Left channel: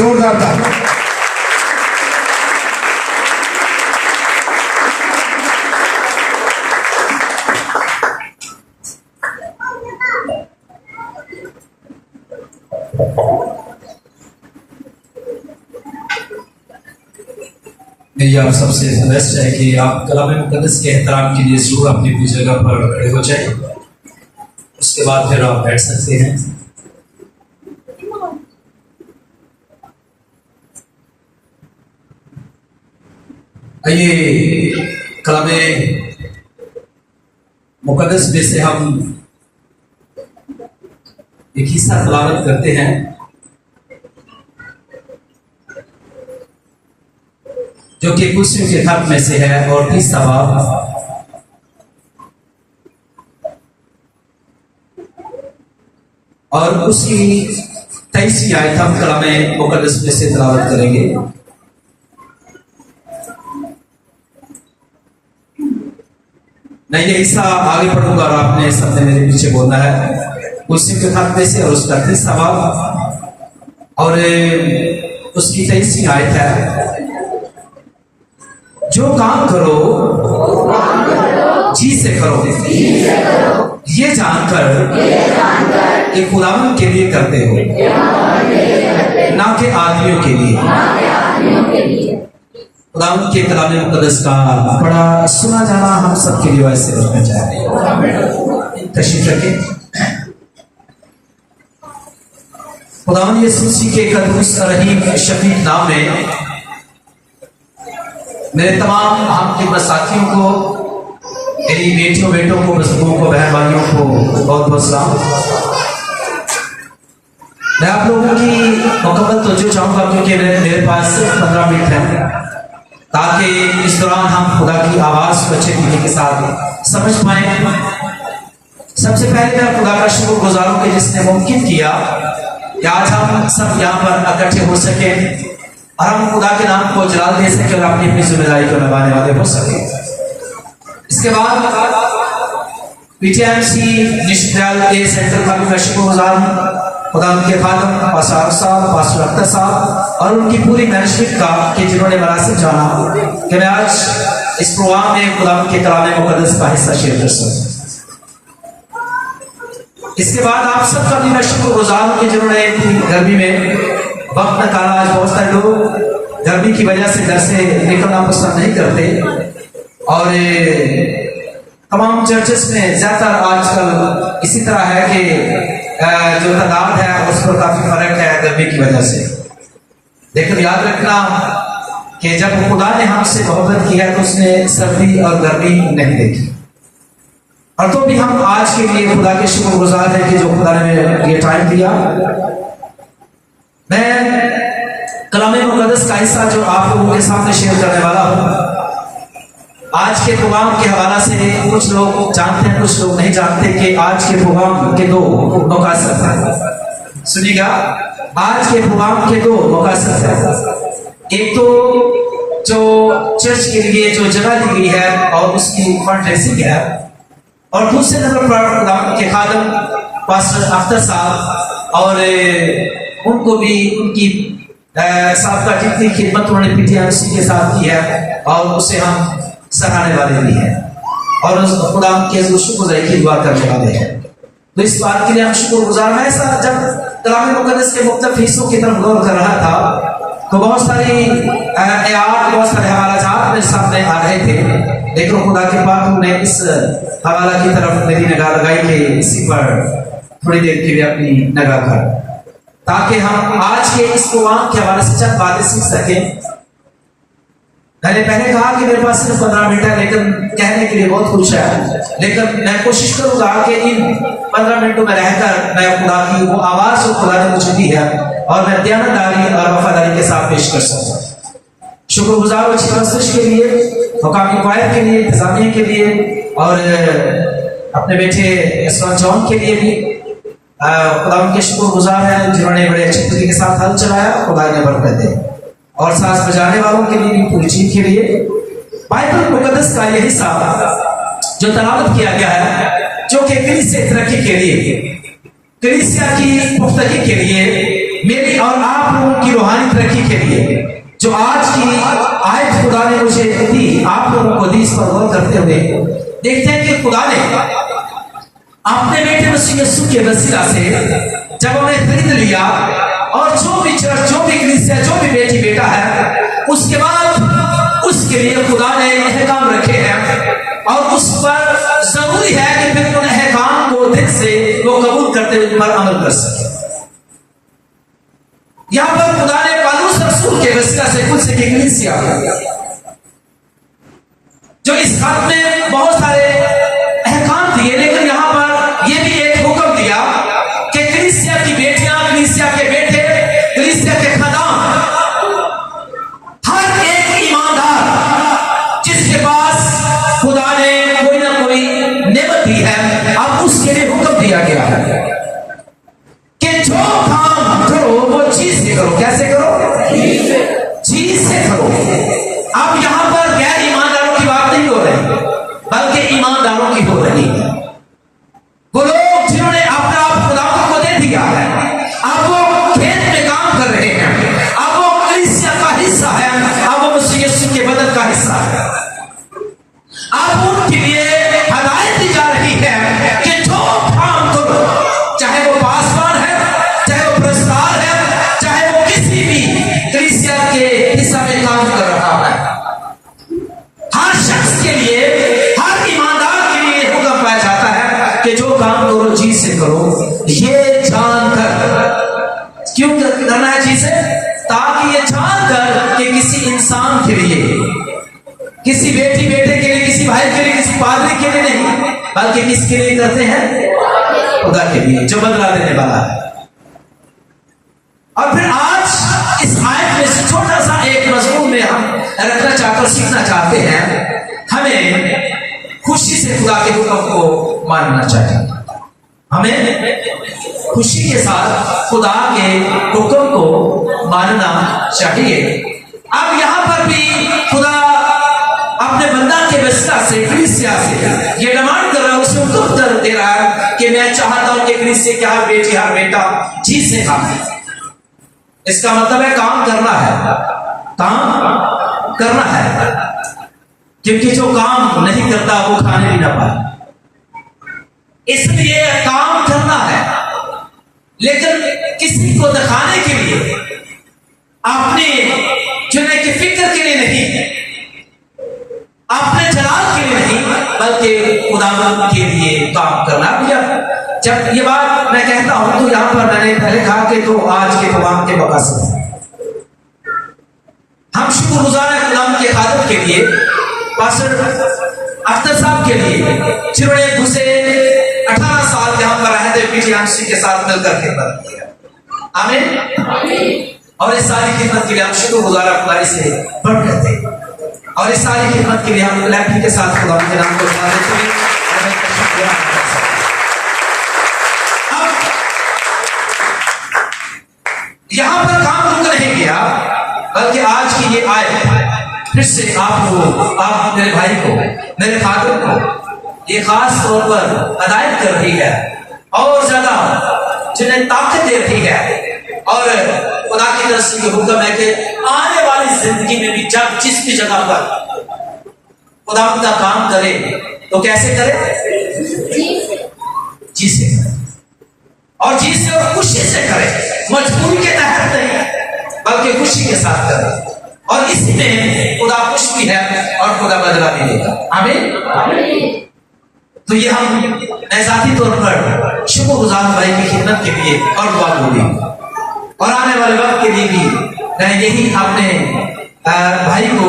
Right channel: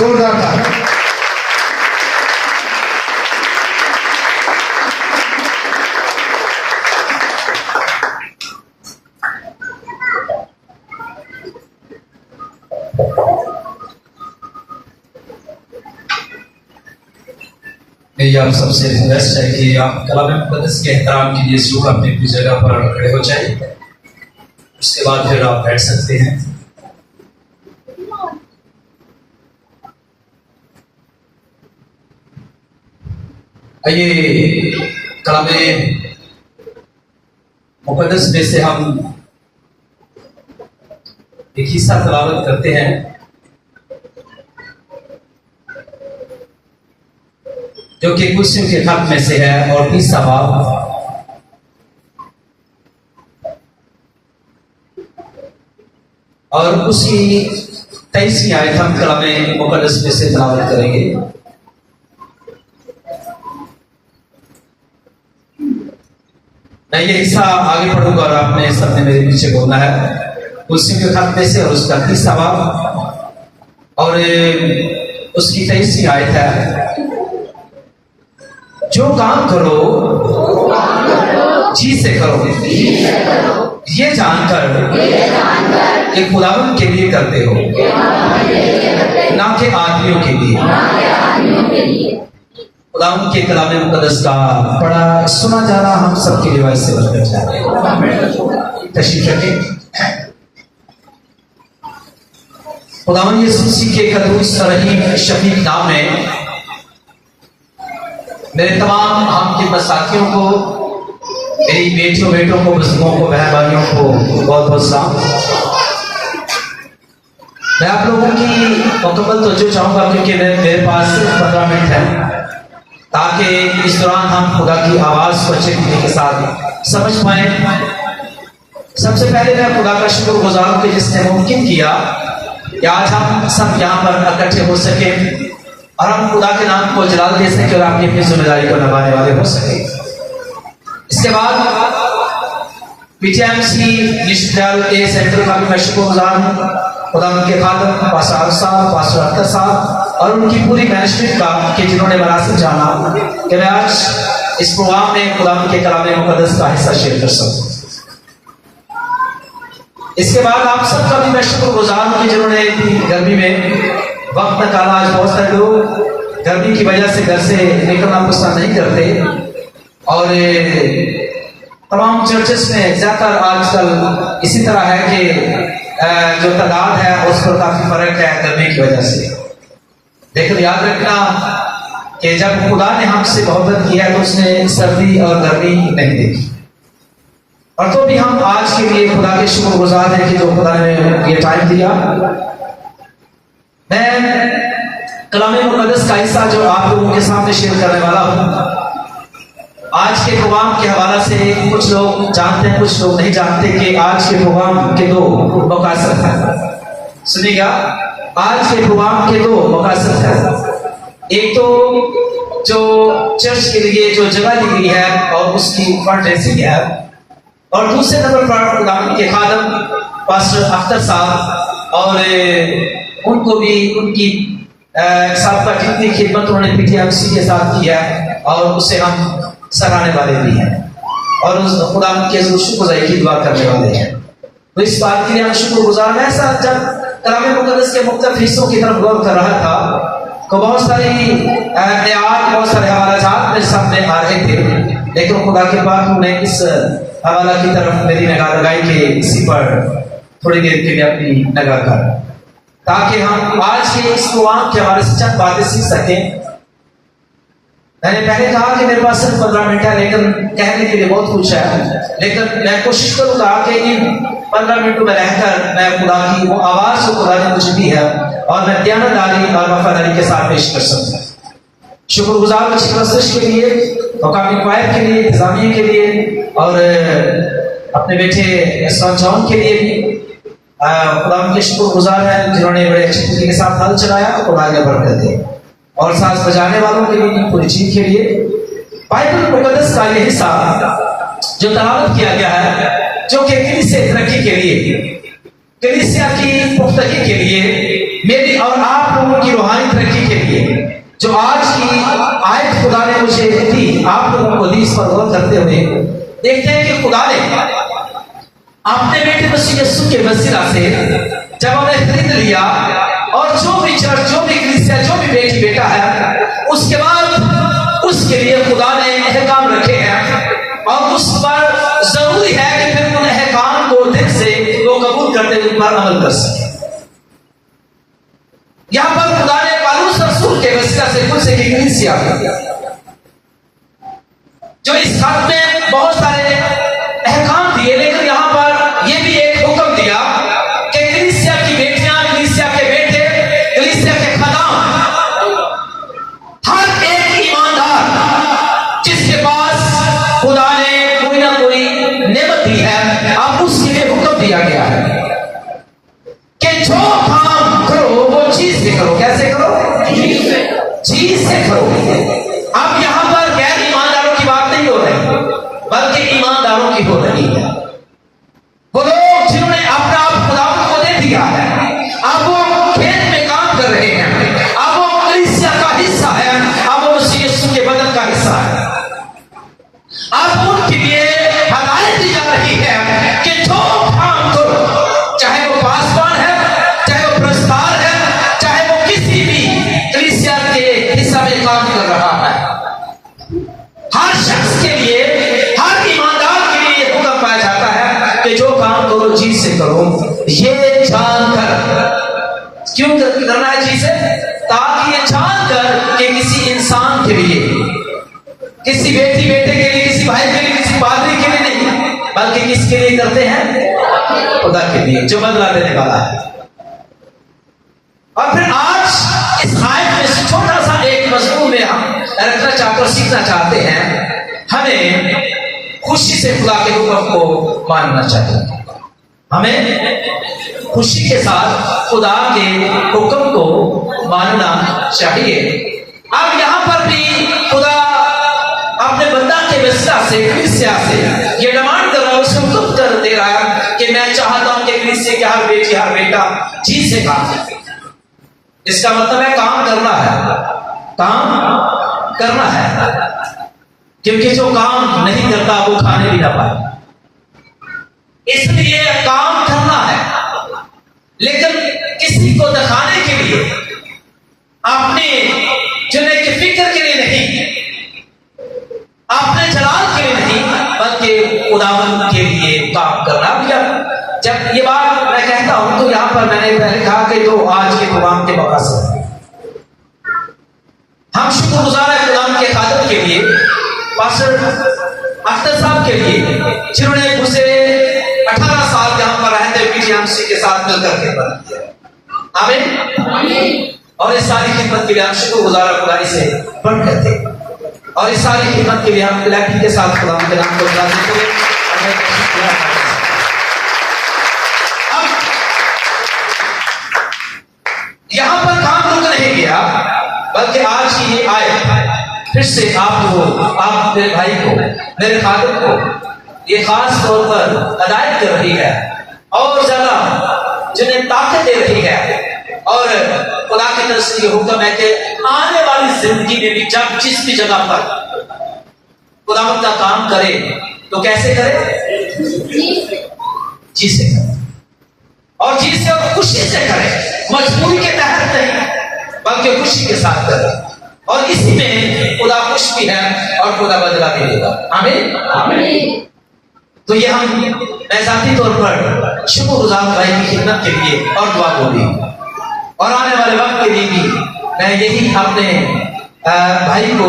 जोरदार था। मेरी आप सबसे रिक्वेस्ट है कि आप कलाम मुक़द्दस के एहतराम के लिए जरूर अपनी अपनी जगह पर खड़े हो जाए। उसके बाद फिर आप बैठ सकते हैं। आइए कलाम मुक़द्दस में से हम एक हिस्सा तलावत करते हैं जो कि कुर्सियों के खत में से है और 30 बाब और उसकी 23वीं आयत हम कलाम मुक़द्दस में से तलावत करेंगे। मैं ये हिस्सा आगे पढ़ूंगा और आपने सबने मेरे पीछे बोलना है। कुर्सियों के खत में से और उसका 30 बाब और उसकी 23वीं आयत है, जो काम करो जी से करो, ये जानकर कि खुदावंद के लिए करते हो, ना कि आदमियों के लिए। खुदावंद के कलाम मुक़द्दस का पढ़ा सुना जाना हम सबके लिए वैसे बनना चाह रहे हैं। तशरीफ रखें। खुदावंद यीशु मसीह के कदूस रहीम शफीक नाम में मेरे तमाम हम साथियों को, मेरी बेटियों बेटों को, बुजुर्गों को, बहन भाइयों को बहुत बहुत सलाम। मैं आप लोगों की मुकम्मल तवज्जो चाहूँगा क्योंकि मेरे पास सिर्फ 15 मिनट है, ताकि इस दौरान हम खुदा की आवाज़ को अच्छे तरीके के साथ समझ पाएँ। सबसे पहले मैं खुदा का शुक्रगुजार हूँ कि जिसने मुमकिन किया कि आज हम सब यहाँ पर इकट्ठे हो सके और हम खुदा के नाम को जलाल दे सके और अपनी अपनी जिम्मेदारी को निभाने वाले हो सके। इसके बाद पीटीएमसी निश्चित के सेंटर का भी मैं शुक्रगुजार हूँ खुदा के खादम पास्टर साहब, पास्टर अख्तर साहब और उनकी पूरी मैनेजमेंट का कि जिन्होंने मनासिब जाना कि मैं आज इस प्रोग्राम में खुदा के कलाम मुक़द्दस का हिस्सा शेयर कर सकूँ। इसके बाद आप सबका भी मैं शुक्रगुजार हूँ कि जिन्होंने गर्मी में वक्त निकाला। आज बहुत सारे लोग गर्मी की वजह से घर से निकलना पसंद नहीं करते और तमाम चर्चेस में ज़्यादातर आजकल इसी तरह है कि जो तादाद है उस पर काफ़ी फर्क है गर्मी की वजह से। लेकिन याद रखना कि जब खुदा ने हमसे मोहब्बत किया तो उसने सर्दी और गर्मी नहीं देखी। और तो भी हम आज के लिए खुदा के शुक्रगुजार हैं कि जो खुदा ने ये टाइम दिया। मैं कलाम मुक़द्दस का हिस्सा जो आप लोगों के सामने शेयर करने वाला हूँ, आज के प्रोग्राम के हवाला से कुछ लोग जानते हैं, कुछ लोग नहीं जानते कि आज के प्रोग्राम के 2 मकासद हैं। सुनिएगा, आज के प्रोग्राम के 2 मकासद हैं। एक तो जो चर्च के लिए जो जगह दी गई है और उसकी फंडरेजिंग है, और दूसरे नंबर पर खुदावंद के खादम पास्टर अख्तर साहब और उनको भी उनकी साबका जितनी खिदमत उन्होंने पीटीएमसी के साथ की है और उसे हम सराहने वाले भी हैं और उस खुदावंद के शुक्रगुजारी की दुआ करने वाले हैं। तो इस बात के लिए हम शुक्रगुजार हैं। ऐसा जब कलाम मुक़द्दस के मुख्तलिफ हिस्सों की तरफ गौर कर रहा था तो बहुत सारी आयात, बहुत सारे हवालाजात मेरे सामने आ रहे थे, लेकिन खुदा के पाक ने इस हवाला की तरफ मेरी निगाह लगाई कि इसी पर थोड़ी देर के लिए अपनी निगाह कर, ताकि हम आज के इस प्रोग्राम के हवाले से चंद बातें सीख सकें। मैंने पहले कहा कि मेरे पास सिर्फ 15 मिनट है, लेकिन कहने के लिए बहुत कुछ है, लेकिन मैं कोशिश करूंगा कि इन 15 मिनटों में रहकर मैं खुदा की वो आवाज़ जो खुदा ने मुझे दी है और मैं दयानतदारी और वफादारी के साथ पेश कर सकूँ। शुक्रगुजार अच्छी कोशिश के लिए, मकामी क्वायर के लिए, इंतजामिया के लिए और अपने बेटे जॉन के लिए भी खुदा उनके शुक्रगुजार हैं जिन्होंने बड़े अच्छे तरीके के साथ हल चलाया। खुदा ने बरकत दे। और साथ बजाने वालों के लिए, पूरी टीम के लिए बाइबल मुक़द्दस का ये हिस्सा जो तलावत किया गया है, जो कि कलीसिया तरक्की के लिए, कलीसिया की पुख्तगी के लिए, मेरी और आप लोगों की रूहानी तरक्की के लिए जो आज की आयत खुदा ने मुझे दी, आप लोगों को दी, इस पर गौर करते हुए देखते हैं कि खुदा ने अपने बेटे मसीह यीशु के वसीला से जब उन्हें खरीद लिया, और जो भी चर्च, जो भी कलीसिया, जो भी बेटी बेटा है, उसके बाद उसके लिए खुदा ने अहकाम रखे हैं, और उस पर जरूरी है कि फिर उन अहकाम को दिल से वो कबूल करते हुए उन पर अमल कर सके। यहां पर खुदा ने पौलुस रसूल के वसीला से कुछ से कलीसिया जो इस खत में बहुत सारे अहकाम दिए, लेकिन यहां पर यह भी एक हुक्म दिया कि कलीसिया की बेटियां, कलीसिया के बेटे, कलीसिया के खदाम, हर एक ईमानदार जिसके पास खुदा ने कोई ना कोई नेमत दी है, अब उसके लिए हुक्म दिया गया है कि जो काम करो वो चीज से करो। कैसे करो? चीज से करो। अब यहां पर गैर ईमानदारों की बात नहीं हो रही, बल्कि ईमानदारों की हो रही है। वो लोग जिन्होंने अपना आप खुदावंद को दे दिया है, अब वो खेत में काम कर रहे हैं, अब वो कलीसिया का हिस्सा है, अब वो मसीह यीशु के बदन का हिस्सा है। अब उनके लिए हदायत दी जा रही है कि जो काम करो, चाहे वो पासवान है, चाहे वो प्रस्तार है, चाहे वो किसी भी कलीसिया के हिस्सा में काम कर रहा है, हर शख्स के लिए, हर ईमानदार के लिए हुक्म पाया जाता है कि जो काम करो जी से करो, ये जानकर। क्यों करना है जी से? ताकि ये जानकर कि किसी इंसान के लिए, किसी बेटी बेटे के लिए, किसी भाई के लिए, किसी पादरी के लिए नहीं, बल्कि किसके लिए करते हैं? खुदा के लिए, जो बदला देने वाला है। और फिर आज इस आयत में से छोटा सा एक मजमून में हम रखना चाहते और सीखना चाहते हैं, हमें खुशी से खुदा के हुक्म को मानना चाहिए। हमें खुशी के साथ खुदा के हुक्म को मानना चाहिए। अब यहां पर भी खुदा अपने बंदा के वसीला से, कलीसिया से ये डिमांड कर रहा है, उसे हुक्म दे रहा है कि मैं चाहता हूं कि कलीसिया के हर बेटी, हर बेटा जी से काम करे। इसका मतलब है काम करना है, काम करना है, क्योंकि जो काम नहीं करता वो खाने भी ना पाए। इसलिए काम करना है, लेकिन किसी को दिखाने के लिए, अपने जुने की फिक्र के लिए नहीं, अपने जलाल के लिए नहीं, बल्कि खुदावंद के लिए काम करना। जब ये बात मैं कहता हूं तो यहां पर मैंने पहले कहा कि जो आज के प्रोग्राम के मकसद है, हम शुक्रगुजार है खुदावंद के खादम के लिए, पास्टर अख्तर साहब के लिए, जिन्होंने गुज़रे 18 साल यहां पर रहते पीजीएमसी के साथ मिलकर खिदमत किया। आमीन। और इस सारी खिदमत के लिए हम शुक्रगुजार खुदाई से बढ़ गए थे, और इस सारी खिदमत के लिए हम लैपटॉप के साथ खुदा के नाम को जानते थे। यहां पर काम रुक नहीं गया, बल्कि आज की ये आयत फिर से आप मेरे भाई को, मेरे फादर को ये खास तौर पर हदायत कर रही है, और ज्यादा जिन्हें ताकत दे रही है। और खुदा की तरफ से ये हुक्म है कि आने वाली जिंदगी में भी जब जिस भी जगह पर खुदावंद का काम करे तो कैसे करे? जी से करे, और जी से और खुशी से करे, मजबूरी के तहत नहीं, बल्कि खुशी के साथ करे, और इसी में खुदा खुश भी है और खुदा बदला भी देगा। आमीन। तो ये मैं जाती तौर पर शुक्रगुजार भाई की खिदमत के लिए और दुआ को भी, और आने वाले वक्त के लिए भी मैं यही अपने भाई को,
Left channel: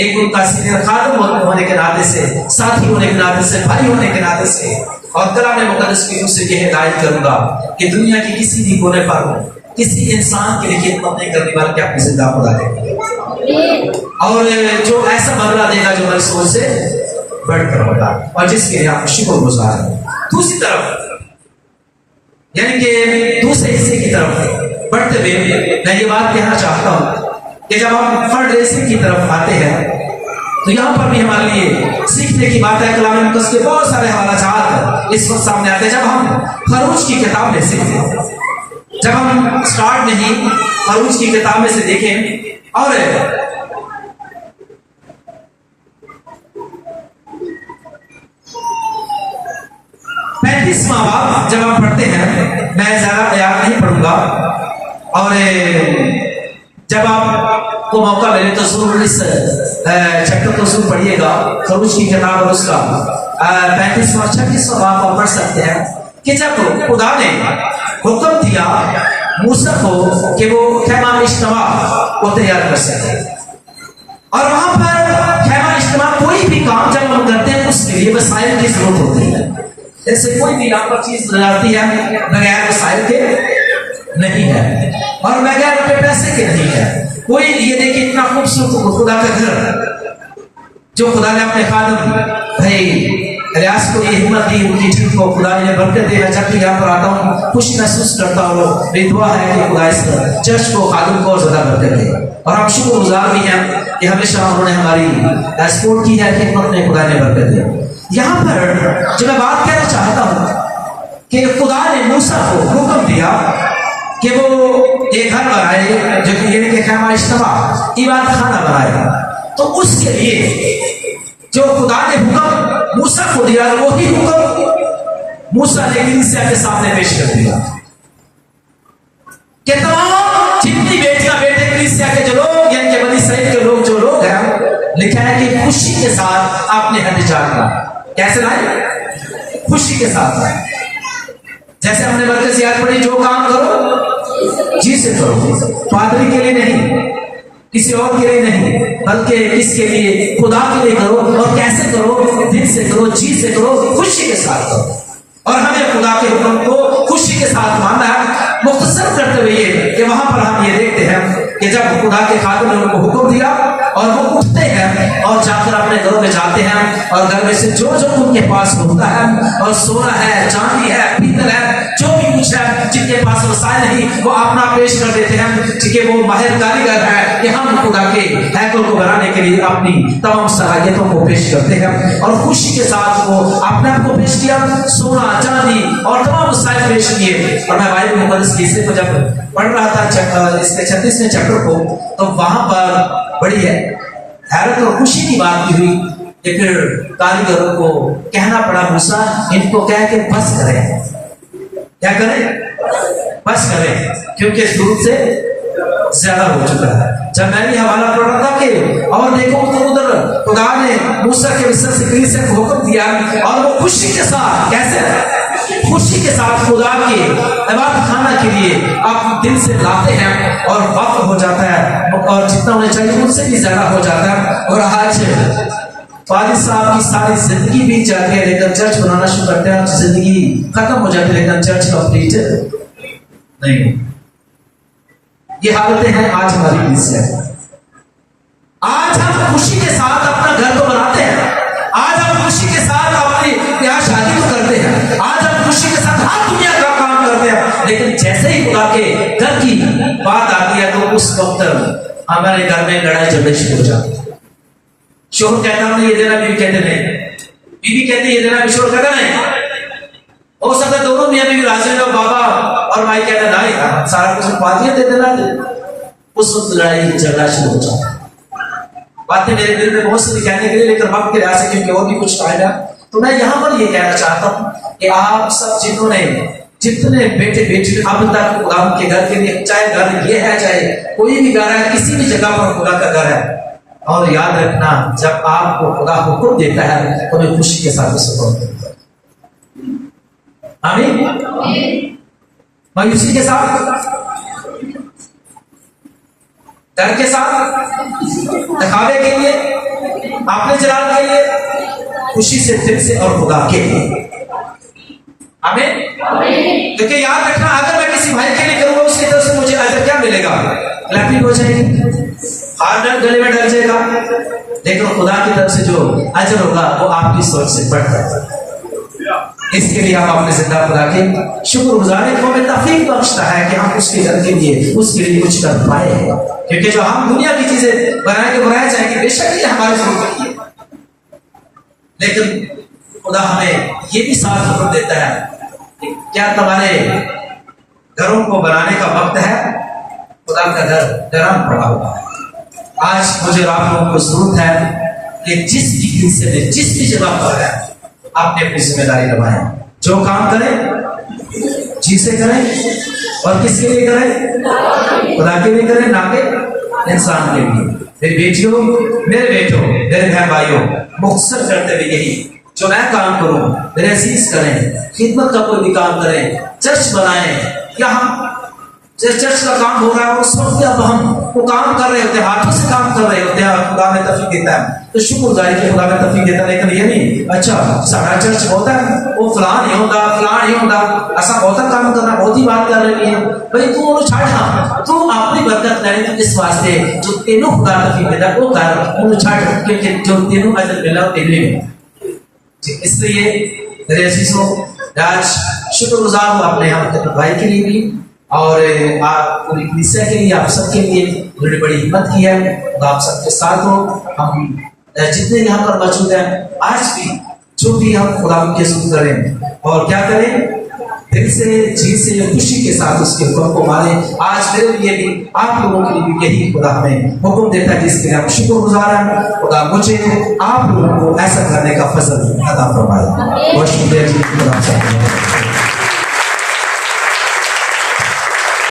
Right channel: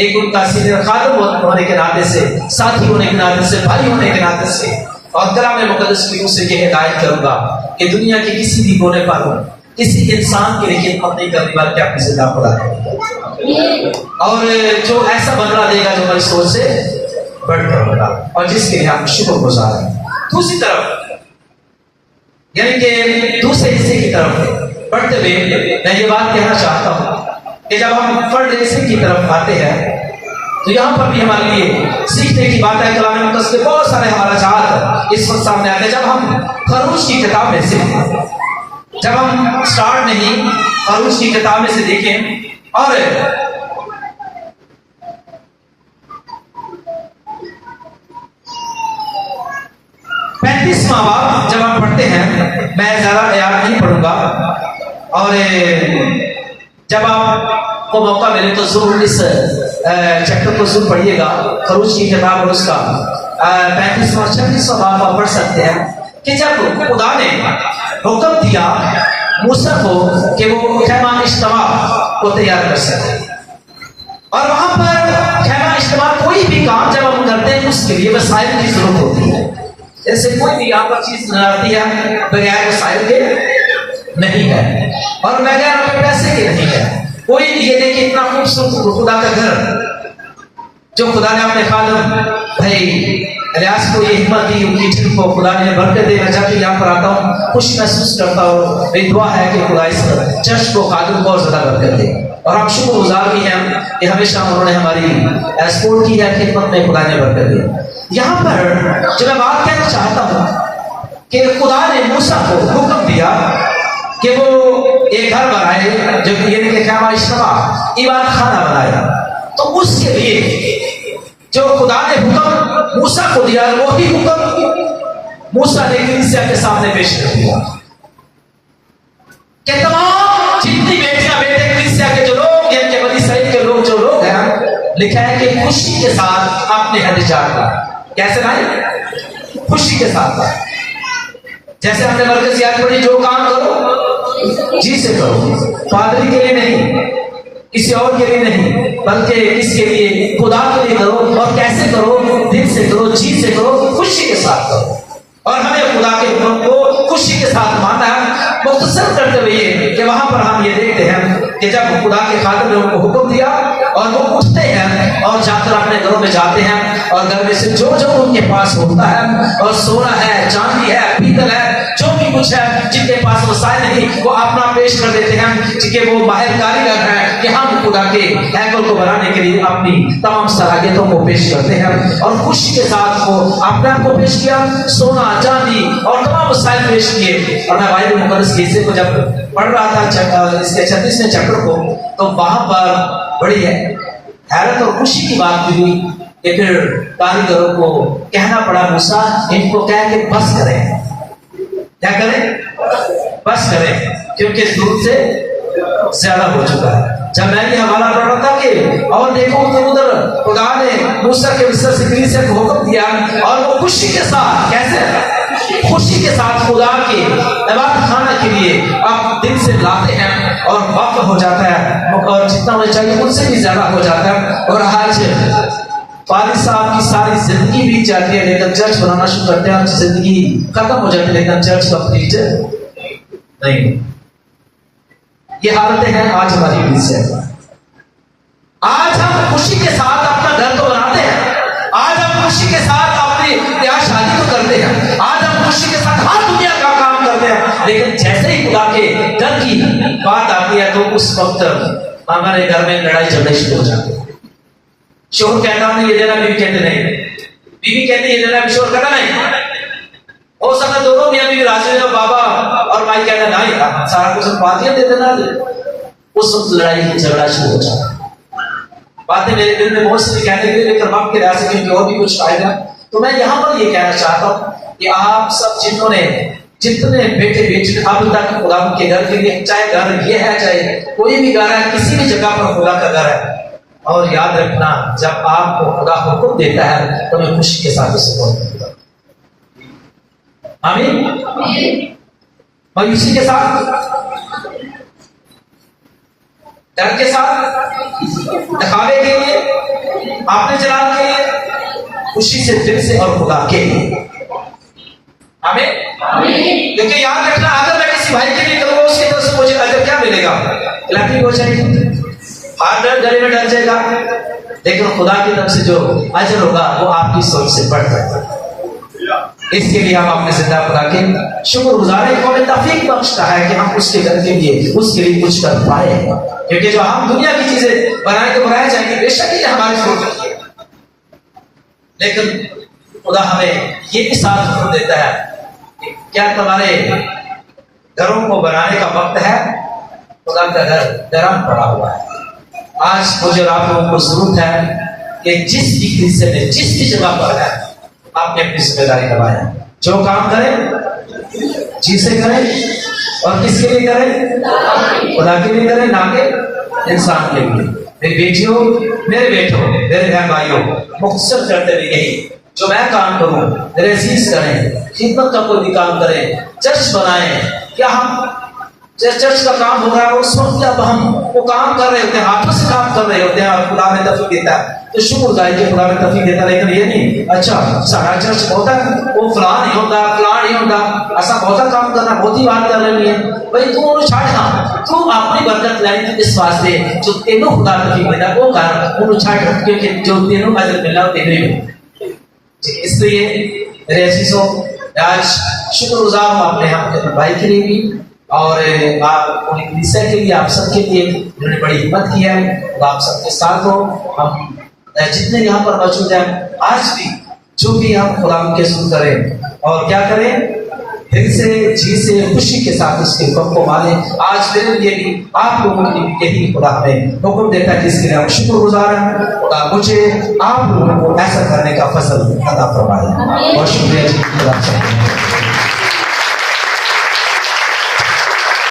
एक उनका सीनियर खादम होने के नाते से, साथी होने के नाते से, भाई होने के नाते से, और कलाम मुकद्दस की रूह से यह हिदायत करूंगा कि दुनिया के किसी भी कोने पर किसी इंसान के लिए खिदमत नहीं करने वाले के अपनी जिंदा खुदा देंगे, और जो ऐसा बदला देगा जो हमारी सोच से बढ़कर होगा, और जिसके लिए हम शुक्रगुजार हैं। दूसरी तरफ, यानी कि दूसरे हिस्से की तरफ बढ़ते हुए मैं ये बात कहना चाहता हूं कि जब हम फंड रेसिंग की तरफ आते हैं तो यहाँ पर भी हमारे लिए सीखने की बात है। कलाम मुकद्दस के बहुत सारे हवालात इस वक्त सामने आते हैं। जब हम खरूज की किताब में से जब हम स्टार्ट नहीं फरूज की किताब में से देखें और 35वां बाब जब हम पढ़ते हैं, मैं ज्यादा याद नहीं पढ़ूंगा, और जब आपको मौका मिले तो जरूर इस चैप्टर को जरूर पढ़िएगा, फरूज की किताब और उसका 35वां 36वां बाब आप पढ़ सकते हैं कि जब खुदा ने हुक्म दिया मूसा को कि वो खैमा इज्तिमा को तैयार कर सके, और वहां पर खैमा इज्तिमा कोई भी काम जब हम करते हैं उसके लिए वसाइल की जरूरत होती है। जैसे कोई भी आपका चीज बनाती है बगैर वसाइल के नहीं है और बगैर अपने पैसे के नहीं है। कोई ये देखिए इतना खूबसूरत खुदा का घर जो खुदा ने अपने खादम भाई इलियास को ये हिम्मत दी, उनकी टीम को खुदा ने बरकत दी। मैं जब भी यहाँ पर आता हूँ खुशी महसूस करता हूँ, मेरी दुआ है कि खुदा इस चर्च को खादम को और ज्यादा बरकत दे, और हम शुक्रगुजार भी हैं कि हमेशा उन्होंने हमारी सपोर्ट की है, खिदमत में खुदा ने बरकत दी। यहाँ पर जो मैं बात कहना चाहता हूँ कि खुदा ने मूसा को हुक्म दिया कि वो एक घर बनाए जो कि ये खैमा इज्तिमा इबादत खाना बनाएगा। तो उसके लिए जो खुदा ने हुक्म मूसा को दिया, वही हुक्म मूसा ने कलीसिया के सामने पेश कर दिया कि तमाम जितनी बेटियां बेटे कलीसिया के जो लोग हैं, के बनी सही के लोग जो लोग हैं, लिखा है कि खुशी के साथ अपने हथियार ला। कैसे लाए? खुशी के साथ लाए। जैसे हमने मरकज याद पढ़ी, जो काम करो जी से करो, पादरी के लिए नहीं, किसी और के लिए नहीं, बल्कि इसके लिए खुदा के लिए करो। और कैसे करो? दिल से करो, जी से करो, खुशी के साथ करो। और हमें खुदा के हुक्म को खुशी के साथ मानना है। मुख्तसर करते हुए कि वहां पर हम ये देखते हैं कि जब खुदा के खादिम ने उनको हुक्म दिया और वो उठते हैं और जाकर अपने घरों में जाते हैं, और घर में से जो जो उनके पास होता है, और सोना है, चांदी है, पीतल है, जो भी कुछ है, जिनके पास वसाइल नहीं, वो अपना पेश कर देते हैं कि वो माहिर कारीगर है कि हम खुदा के हैकल को बनाने के लिए अपनी तमाम सलाहियतों को पेश करते हैं। और खुशी के साथ वो अपने आप को पेश किया, सोना चांदी और तमाम वसाइल पेश किए। और मैं बाइबल मुकद्दस के हिस्से को जब पढ़ रहा था इसके 36वें चैप्टर को, तो वहां पर बड़ी हैरत और खुशी की बात भी हुई कि फिर कारीगरों को कहना पड़ा, मूसा इनको कह के बस करें। क्या करें? बस करें, क्योंकि दूध से ज्यादा हो चुका है। जब मैंने ये हवाला पढ़ रहा था कि और देखो उधर खुदा ने मूसा के विषय से कलीसिया को हुक्म दिया, और वो खुशी के साथ, कैसे? खुशी के साथ खुदा के इबादत खाना के लिए आप दिल से लाते हैं, और वक्त हो जाता है, और जितना होना चाहिए उससे भी ज्यादा हो जाता है। और आज फारिद साहब की सारी जिंदगी बीत जाती है, लेकिन चर्च बनाना शुरू करते हैं, जिंदगी खत्म हो जाती है, लेकिन चर्च कंप्लीट नहीं। ये हालतें हैं आज हमारी कलीसिया में। आज हम खुशी के साथ अपना घर तो बनाते हैं, आज हम खुशी के साथ अपनी ब्याह शादी तो करते हैं, आज हम खुशी के साथ हर दुनिया का काम करते हैं, लेकिन जैसे ही खुदा के घर की बात आती है तो उस वक्त हमारे घर में लड़ाई झगड़े शुरू हो जाते हैं। शोहर कहता हमने ये देना, बीवी कहते नहीं, बीवी कहती ये देना, शोहर कहता नहीं। हो सकता है दोनों मियां बीवी राजी हो, बाबा और माई कहते नहीं, सारा कुछ बातियां दे देना। उस वक्त लड़ाई झगड़ा शुरू हो जाता है। बातें मेरे दिल में बहुत सारी कहने के लिए, लेकिन वक्त के लिहाज से क्योंकि और भी कुछ फायदा, तो मैं यहाँ पर ये कहना चाहता हूँ कि आप सब जिन्होंने जितने बेटे बेटे अब तक खुदा के घर के लिए, चाहे घर ये है चाहे कोई भी घर है, किसी भी जगह पर खुदा का घर है, और याद रखना जब आपको खुदा हुक्म देता है तो मैं खुशी के साथ इसे करता हूं। आमीन। मायूसी के साथ, डर के साथ, दिखावे के लिए, अपने जलाल के लिए, खुशी से, दिल से और खुदा के लिए। आमीन। क्योंकि याद रखना, अगर मैं किसी भाई के लिए करूंगा उसकी तरफ से मुझे अजर क्या मिलेगा? क्लैपिंग हो जाएगी, हाथ गले में डर जाएगा, लेकिन खुदा की तरफ से जो अजर होगा वो आपकी सोच से बढ़कर। इसके लिए हम अपने जिंदा खुदा के शुक्रगुजार हैं, हमें तौफीक बख्शता है कि हम उसके घर के लिए, उसके लिए कुछ कर पाए। क्योंकि जो हम दुनिया की चीजें बनाए तो बनाए जाएंगे, बेशक ये हमारी जरूरत है, लेकिन खुदा हमें ये भी साथ हुक्म देता है कि क्या तुम्हारे घरों को बनाने का वक्त है। खुदा का घर गरम पड़ा हुआ है। आज मुझे और आप लोगों को जरूरत है कि जिस भी हिस्से में जिस भी जगह पर है आपने अपनी जिम्मेदारी निभाएं। जो काम करें जी से करें और किसके लिए करें? खुदा के लिए करें, ना कि इंसान के लिए। मेरी बेटियों, मेरे बेटों, मेरे बहन भाइयों, मुख्तसर करते हुए यही जो मैं काम करूं मेरे अजीज करें, खिदमत का कोई भी काम करें, चर्च बनाएं। क्या हम चर्च का काम हो रहा है उस वक्त जब हम वो काम कर रहे होते हैं, हाथों से काम कर रहे होते हैं और खुदा में तफीक देता है तो शुक्रगुजारी के खुदा में तफीक देता है। लेकिन ये नहीं अच्छा सारा चर्च बहुत है वो फलां नहीं होगा, फलां नहीं होगा, ऐसा बहुत काम करना, बहुत ही बात कर रही है भाई। तू वो छाड़, तू अपनी बरकत लेनी तो इस वास्ते जो तेनों खुदा तफीक देता वो कर उन्हें छाड़, क्योंकि जो तेनों अजर मिला वो तेरे में। इसलिए मेरे अजीजों आज शुक्रगुजार हूँ अपने हम भाई के लिए भी और आप पूरी कलीसिया के लिए, आप सबके लिए जिन्होंने बड़ी हिम्मत की है। तो आप सबके साथ हो। हम जितने यहाँ पर मौजूद हैं आज भी जो भी हम खुदा के सुन करें और क्या करें, दिल से जी से खुशी के साथ उसके हुक्म को माने। आज मेरे लिए भी आप लोगों के लिए भी यही खुदा हमें हुक्म देता है जिसके लिए हम शुक्रगुजार हैं। खुदा मुझे आप लोगों को ऐसा